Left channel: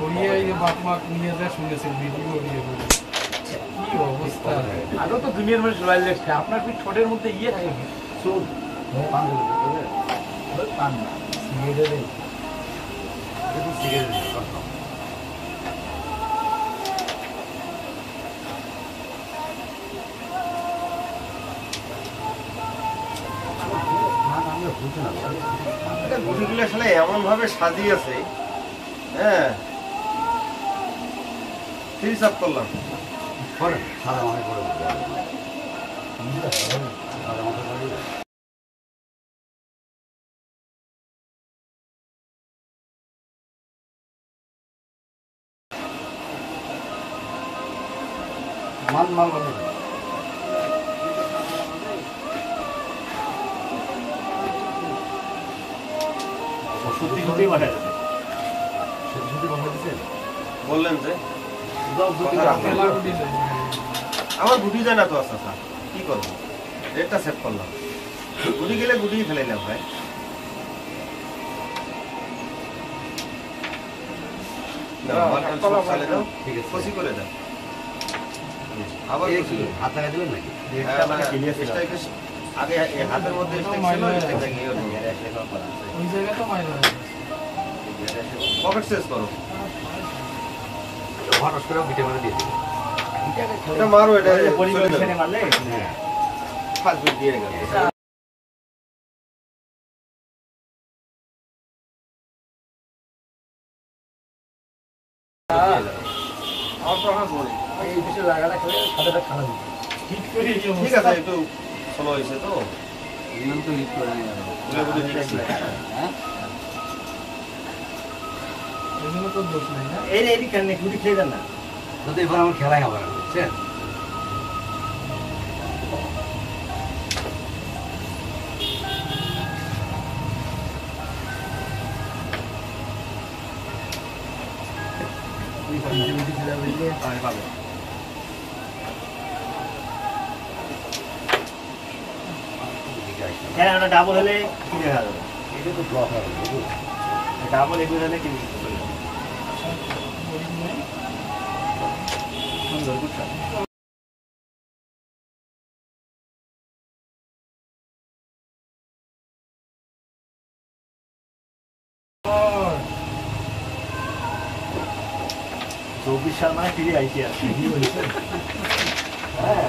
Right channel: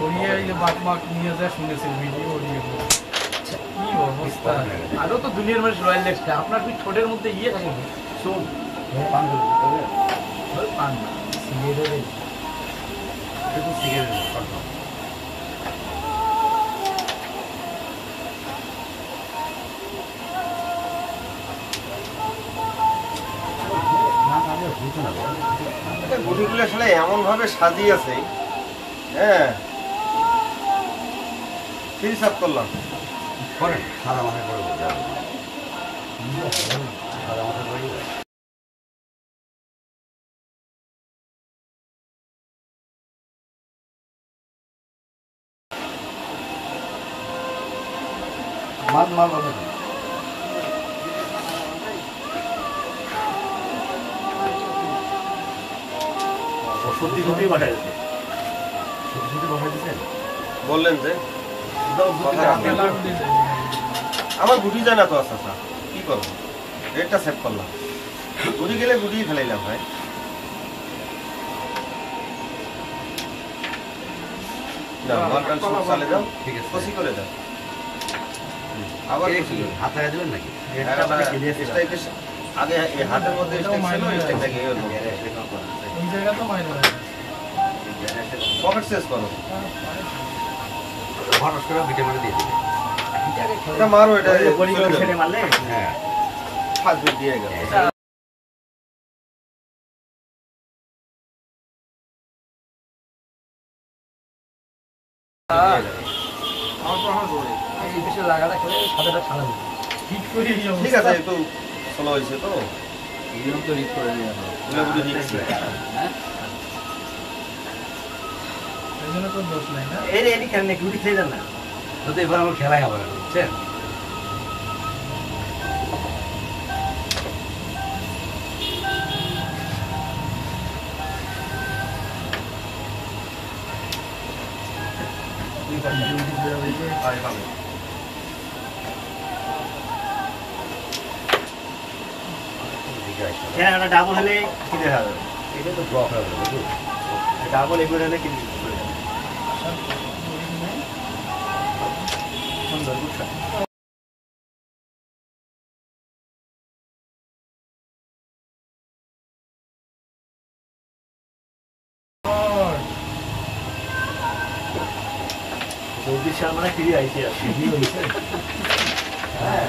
Korea এই যে বাকমাক নিয়ে যা শুনেছেন ভিডিও নিয়ে কি অবস্থা। আরো তো দুনিয়ার মানুষ রয়্যাল দেখছে, আপনার কি ঠোঁটের মধ্যে ইয়ে থাকে না? চোখ পান না সিগারেট গুটিগুলো আসলে এমন ভাবে সাজিয়েছে, হ্যাঁ ঠিক সাপ করলাম। বললেন যে আমার গুটি যায় না তো, আচ্ছা কি করবো, রেটটা সেভ করলাম। গুটি গেলে গুটি খেলাইলাম ভাই। চালে যাও, কষি করে যাও, আবার আগে হাতের মধ্যে পকেট শেষ করো, মারো এটা মারলে ফার্স্ট বিট দিয়ে গেল। ঠিক আছে, একটু স্লো হয়েছে তো, খেলাই হবে বুঝছেন। ডাবল হলে কি দেখা যাবে? এটা তো ব্লক হবে, ডাবল এগুলো হলে কি সুন্দর বুঝছো। চব্বিশ সাল মানে ফিরে আইতে আছে। হ্যাঁ